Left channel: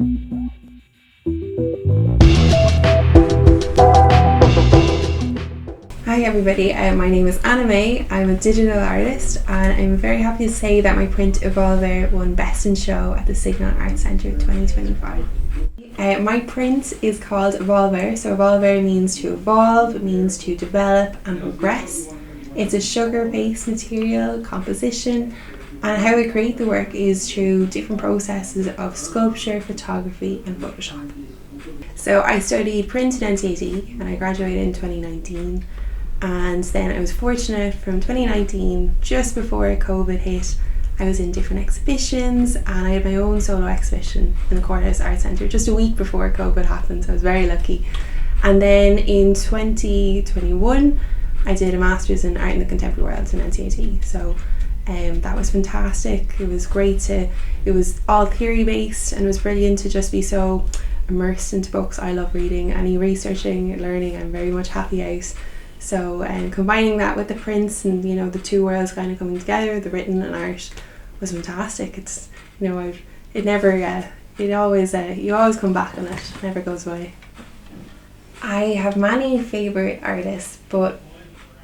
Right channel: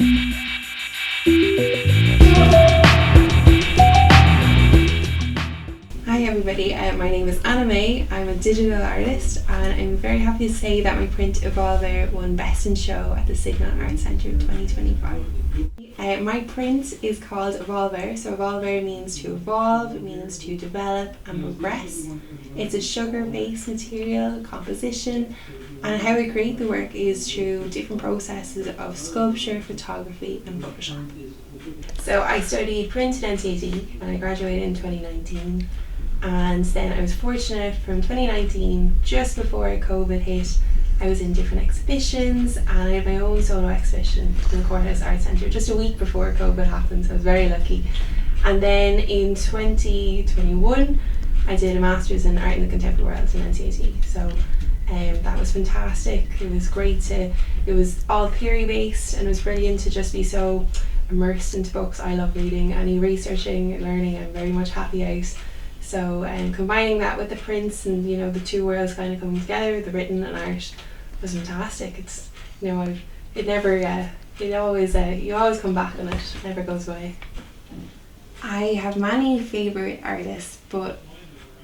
Hi everybody, my name is Anna Maye. I'm a digital artist and I'm very happy to say that my print Evolvere won Best in Show at the Signal Arts Centre 2025. My print is called Evolvere, so Evolvere means to evolve, it means to develop and progress. It's a sugar-based material, composition, and how I create the work is through different processes of sculpture, photography and Photoshop. So I studied print in NCT and I graduated in 2019. And then I was fortunate from 2019, just before COVID hit, I was in different exhibitions and I had my own solo exhibition in the Courthouse Arts Centre just a week before COVID happened, so I was very lucky. And then in 2021, I did a Masters in Art in the Contemporary World in NCT. So that was fantastic. It was great it was all theory based and it was brilliant to just be so immersed into books. I love reading, any researching, learning, I'm very much happy out. So combining that with the prints and the two worlds kind of coming together, the written and art, was fantastic. It's it never you always come back on it. It never goes away. I have many favourite artists, but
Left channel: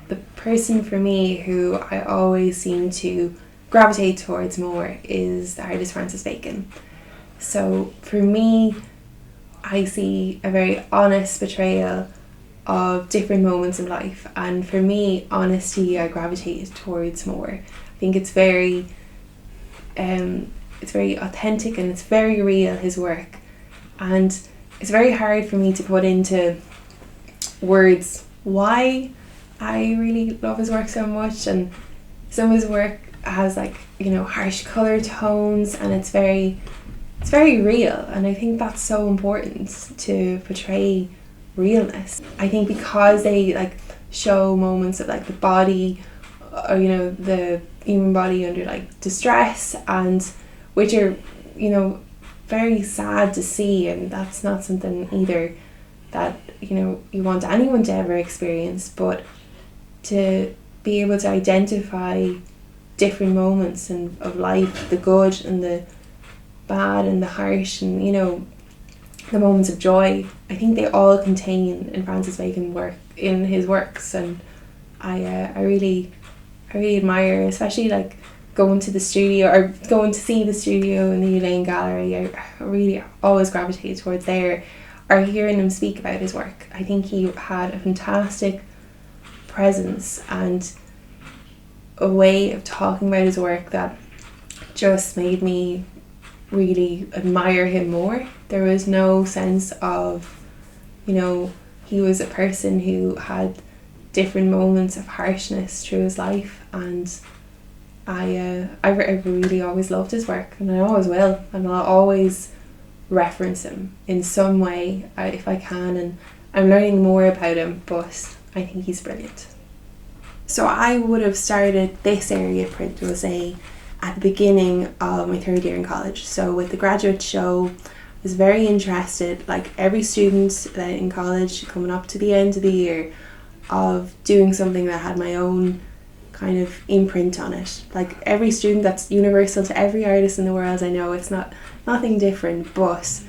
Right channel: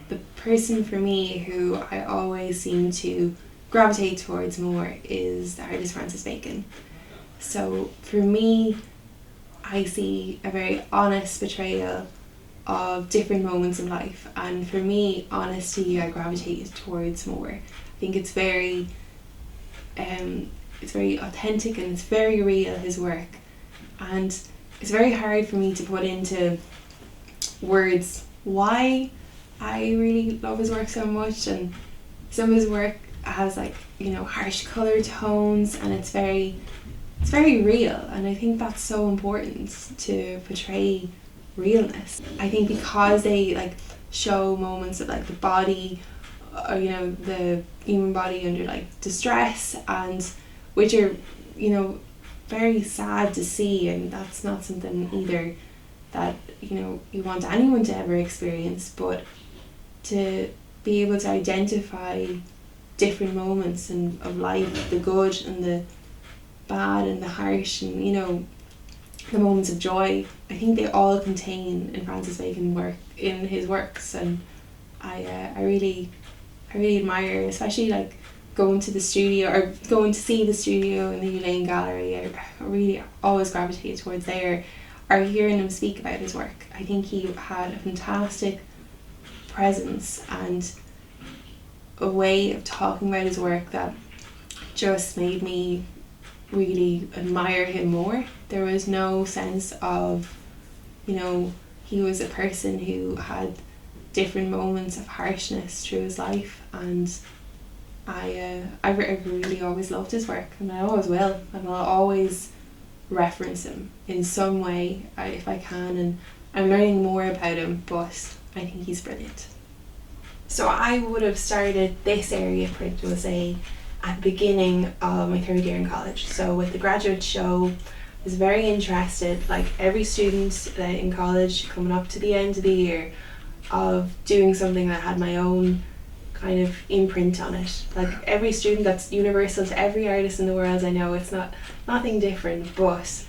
the person for me who I always seem to gravitate towards more is the artist Francis Bacon. So for me, I see a very honest portrayal of different moments in life, and for me, honesty I gravitate towards more. I think it's very authentic and it's very real, his work, and it's very hard for me to put into words why I really love his work so much. And some of his work has harsh colour tones and it's very real, and I think that's so important to portray realness. I think because they show moments of the body or the human body under distress, and which are very sad to see, and that's not something either that you want anyone to ever experience, but to be able to identify different moments of life, the good and the bad and the harsh, and the moments of joy. I think they all contain in Francis Bacon in his works, and I really admire, especially going to the studio or going to see the studio in the New Lane Gallery. I really always gravitate towards there, or hearing him speak about his work. I think he had a fantastic presence and a way of talking about his work that just made me really admire him more. There was no sense of, he was a person who had different moments of harshness through his life, and I really always loved his work, and I always will, and I'll always reference him in some way if I can, and I'm learning more about him, but I think he's brilliant. So I would have started this area of print, we'll say, at the beginning of my third year in college. So with the graduate show, I was very interested, like every student in college coming up to the end of the year, of doing something that had my own kind of imprint on it. Like every student, that's universal to every artist in the world, I know it's nothing different, but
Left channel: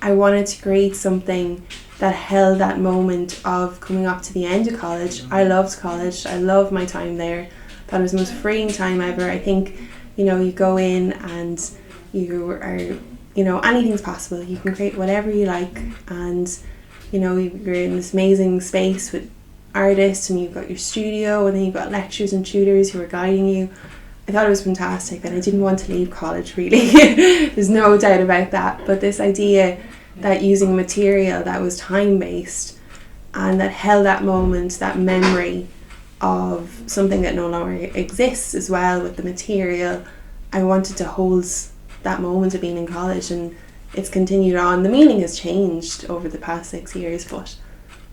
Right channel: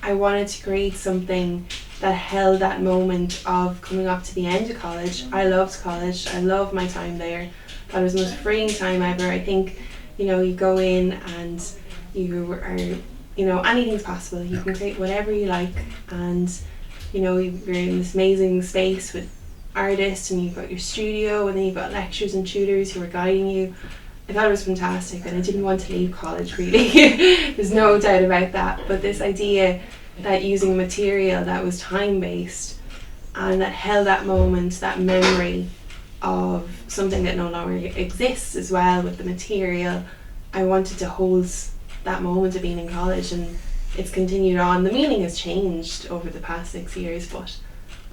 I wanted to create something that held that moment of coming up to the end of college. I loved college, I loved my time there. That was the most freeing time ever. I think you go in and you are, anything's possible. You can create whatever you like, and you're in this amazing space with artists, and you've got your studio, and then you've got lecturers and tutors who are guiding you. I thought it was fantastic, and I didn't want to leave college really. There's no doubt about that. But this idea that using material that was time-based and that held that moment, that memory of something that no longer exists as well with the material, I wanted to hold that moment of being in college, and it's continued on. The meaning has changed over the past 6 years, but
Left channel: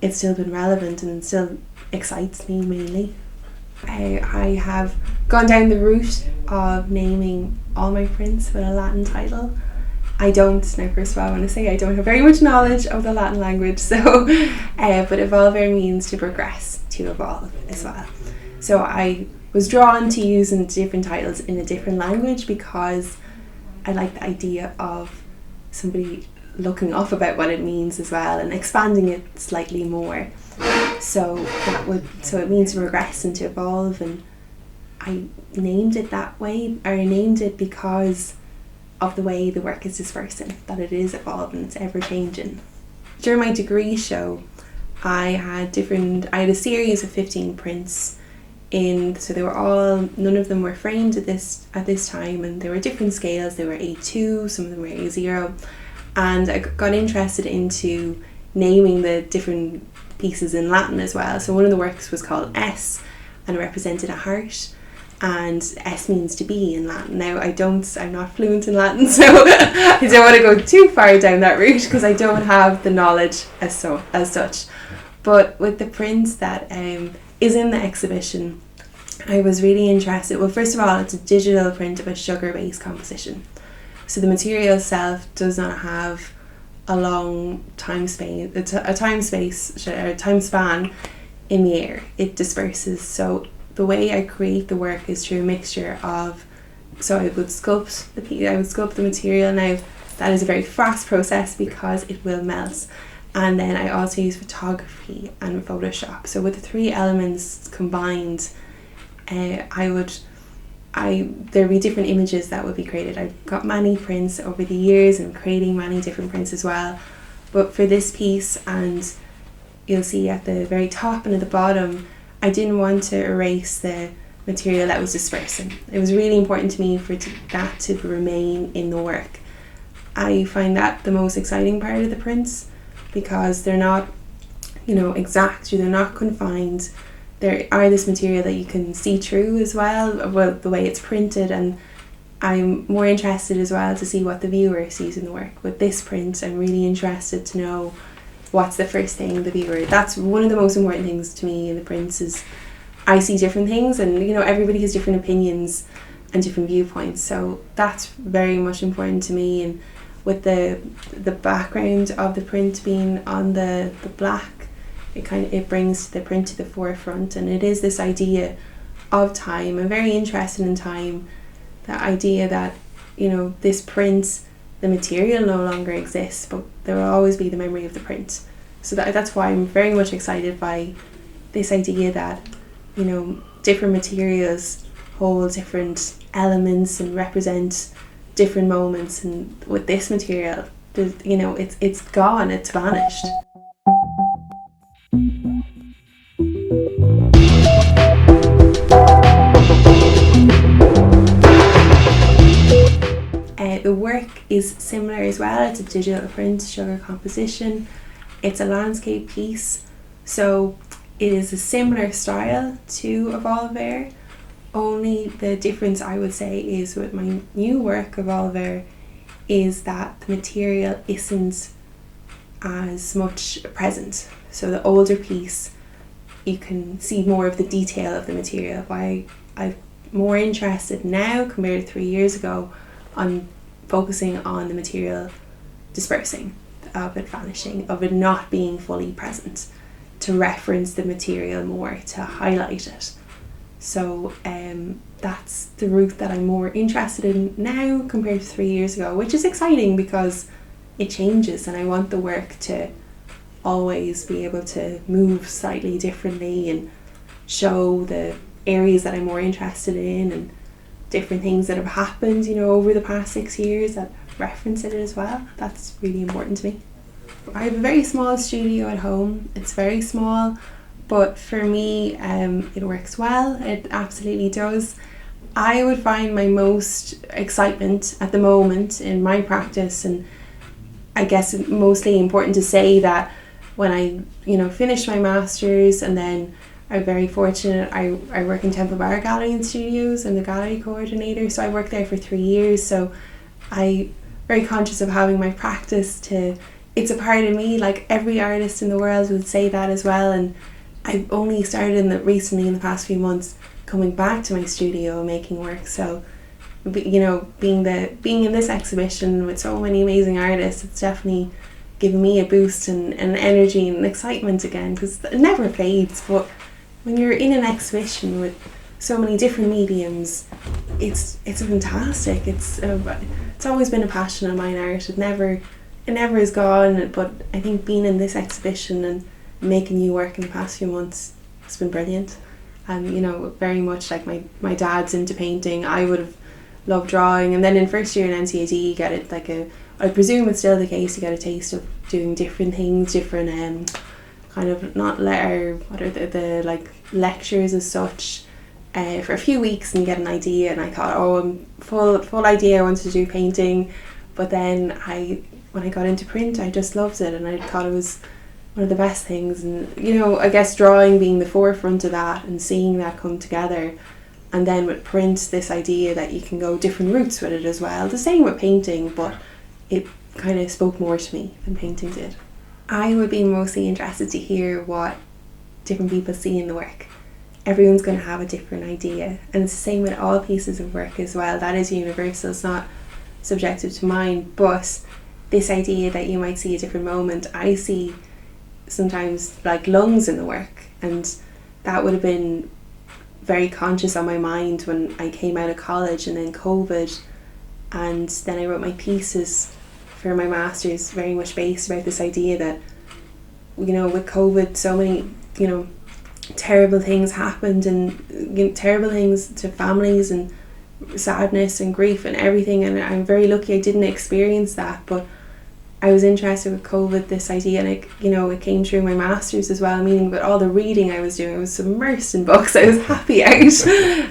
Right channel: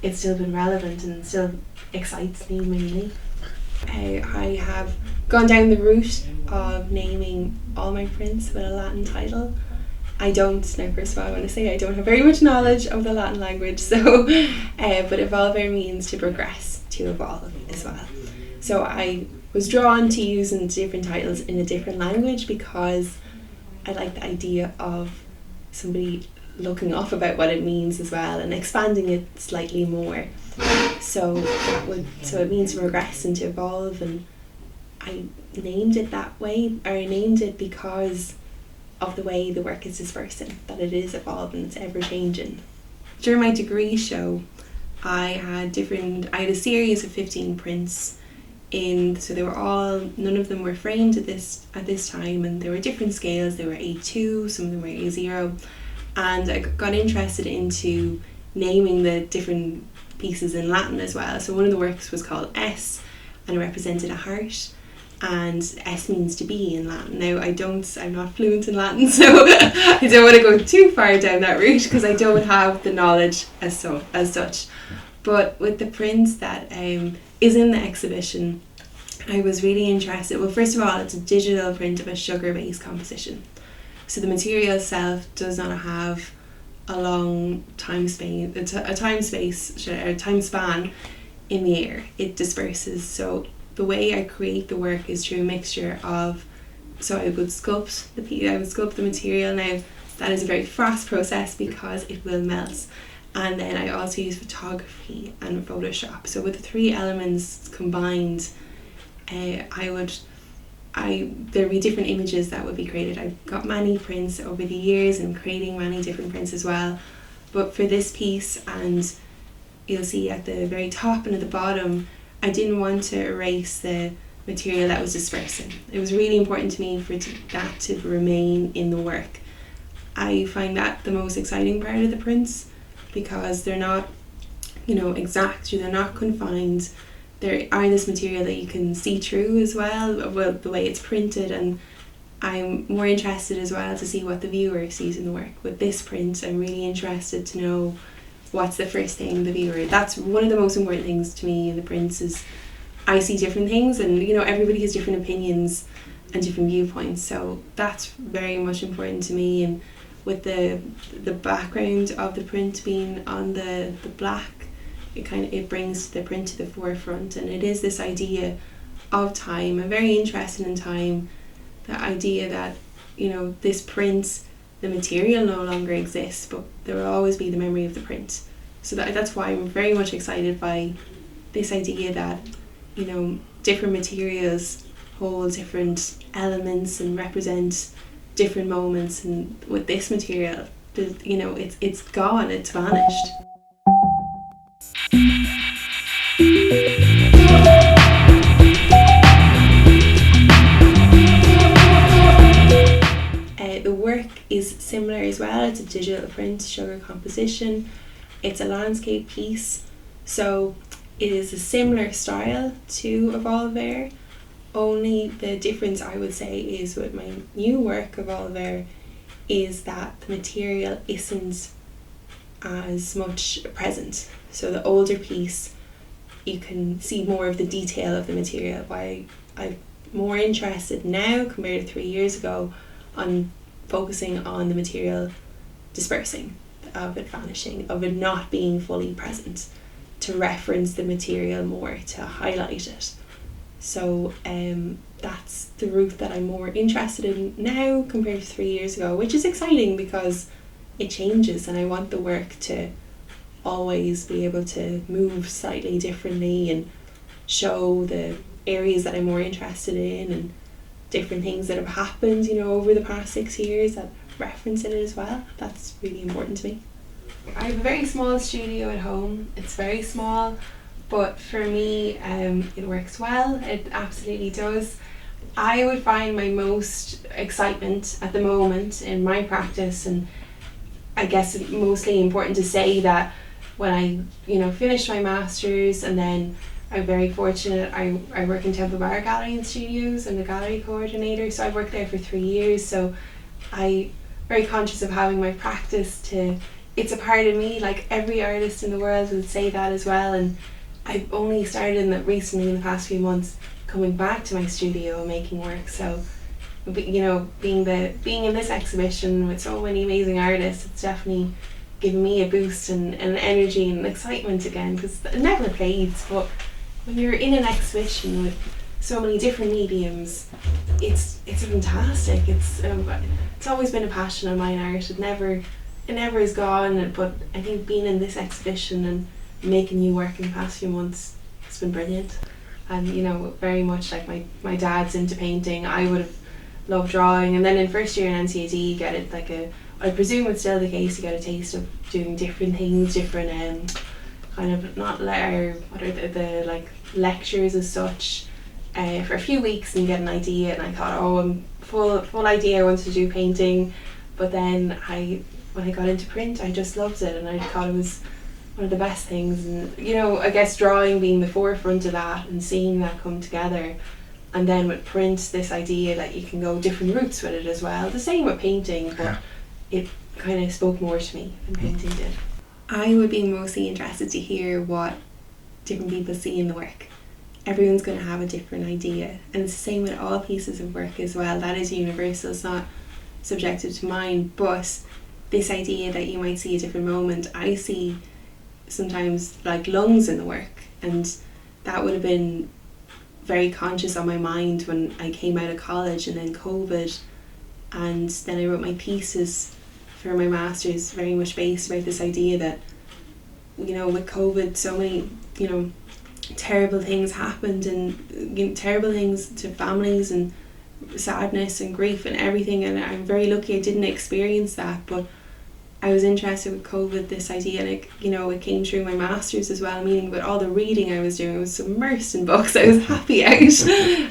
it's still been relevant and still excites me mainly. I have gone down the route of naming all my prints with a Latin title. I don't, now first of all I want to say I don't have very much knowledge of the Latin language, so but Evolvere means to progress, to evolve as well. So I was drawn to using different titles in a different language because I like the idea of somebody looking up about what it means as well and expanding it slightly more. So it means to regress and to evolve, and I named it that way, or I named it because of the way the work is dispersing, that it is evolving, it's ever changing. During my degree show, I had a series of 15 prints so they were all, none of them were framed at this time, and they were different scales. They were A2, some of them were A0, and I got interested into naming the different pieces in Latin as well. So one of the works was called S, and it represented a heart, and S means to be in Latin. Now I'm not fluent in Latin, so I don't want to go too far down that route because I don't have the knowledge as such. But with the print that is in the exhibition, I was really interested. Well, first of all, it's a digital print of a sugar-based composition. So the material itself does not have a long time span in the air. It disperses. So the way I create the work is through a mixture of, so I would sculpt the material. Now that is a very fast process because it will melt. And then I also use photography and Photoshop. So with the three elements combined, there'd be different images that would be created. I've got many prints over the years and creating many different prints as well. But for this piece, and you'll see at the very top and at the bottom, I didn't want to erase the material that was dispersing. It was really important to me for that to remain in the work. I find that the most exciting part of the prints, because they're not, exact, or they're not confined. There are this material that you can see through as well, the way it's printed, and I'm more interested as well to see what the viewer sees in the work. With this print, I'm really interested to know what's the first thing the viewer. That's one of the most important things to me in the prints, is I see different things, and everybody has different opinions and different viewpoints, so that's very much important to me. And with the background of the print being on the black, it brings the print to the forefront, and it is this idea of time. I'm very interested in time, that idea that this print, the material no longer exists, but there will always be the memory of the print. So that's why I'm very much excited by this idea that different materials hold different elements and represent different moments, and with this material, it's gone, it's vanished. The work is similar as well. It's a digital print, sugar composition. It's a landscape piece, so it is a similar style to Evolvere. Only the difference, I would say, is with my new work, Evolvere, is that the material isn't as much present. So the older piece, you can see more of the detail of the material. Why I'm more interested now compared to 3 years ago on focusing on the material dispersing, of it vanishing, of it not being fully present, to reference the material more, to highlight it. So that's the route that I'm more interested in now compared to 3 years ago, which is exciting because it changes, and I want the work to always be able to move slightly differently and show the areas that I'm more interested in, and different things that have happened over the past 6 years that reference it as well. That's really important to me. I have a very small studio at home. It's very small, but for me it works well. It absolutely does. I would find my most excitement at the moment in my practice, and I guess it's mostly important to say that when I finished my master's, and then I'm very fortunate, I work in Temple Bar Gallery and Studios. I'm the gallery coordinator, so I worked there for 3 years, so I'm very conscious of having my practice it's a part of me, like every artist in the world would say that as well. And I've only started recently in the past few months coming back to my studio making work, so being in this exhibition with so many amazing artists, it's definitely given me a boost and energy and excitement again, because it never fades. But when you're in an exhibition with so many different mediums, it's fantastic. It's always been a passion of mine, art. It it never is gone, but I think being in this exhibition and making new work in the past few months has been brilliant. And you know, very much like my dad's into painting, I would have loved drawing. And then in first year in NCAD you get it like I presume it's still the case, you get a taste of doing different things, different kind of not letter, what are the like lectures as such, for a few weeks, and you get an idea. And I thought, oh, I'm full idea, I wanted to do painting. But then when I got into print, I just loved it, and I thought it was one of the best things. And you know, I guess drawing being the forefront of that and seeing that come together, and then with print, this idea that you can go different routes with it as well. The same with painting, but it kind of spoke more to me than painting did. I would be mostly interested to hear what different people see in the work. Everyone's going to have a different idea, and it's the same with all pieces of work as well. That is universal, it's not subjective to mine. But this idea that you might see a different moment, I see sometimes like lungs in the work, and that would have been very conscious on my mind when I came out of college, and then COVID, and then I wrote my thesis for my master's, very much based about this idea that, you know, with COVID, so many, you know, terrible things happened, and you know, terrible things to families, and sadness and grief and everything. And I'm very lucky I didn't experience that, but I was interested with COVID, this idea, and it came through my master's as well. Meaning with all the reading I was doing, I was submersed in books. I was happy out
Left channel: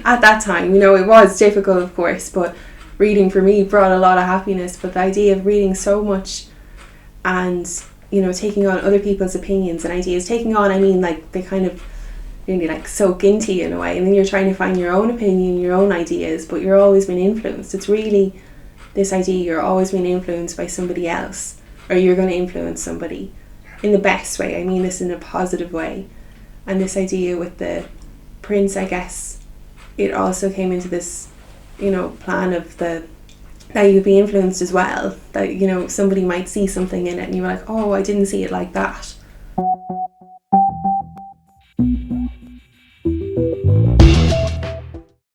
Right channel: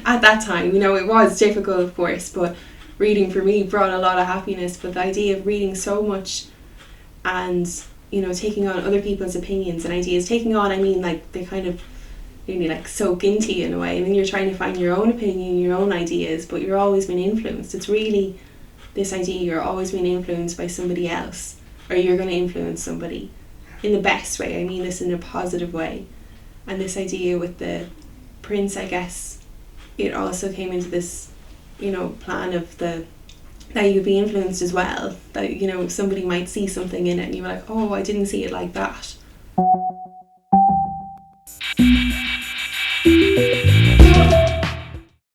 at that time. You know, it was difficult, of course, but reading for me brought a lot of happiness. But the idea of reading so much and, you know, taking on other people's opinions and ideas, taking on, I mean, like, they kind of maybe like soak into you in a way, and then you're trying to find your own opinion, your own ideas, but you're always being influenced. It's really this idea you're always being influenced by somebody else, or you're going to influence somebody in the best way. I mean this in a positive way. And this idea with the prints, I guess, it also came into this, you know, plan of that you'd be influenced as well, that, you know, somebody might see something in it and you're like, oh, I didn't see it like that.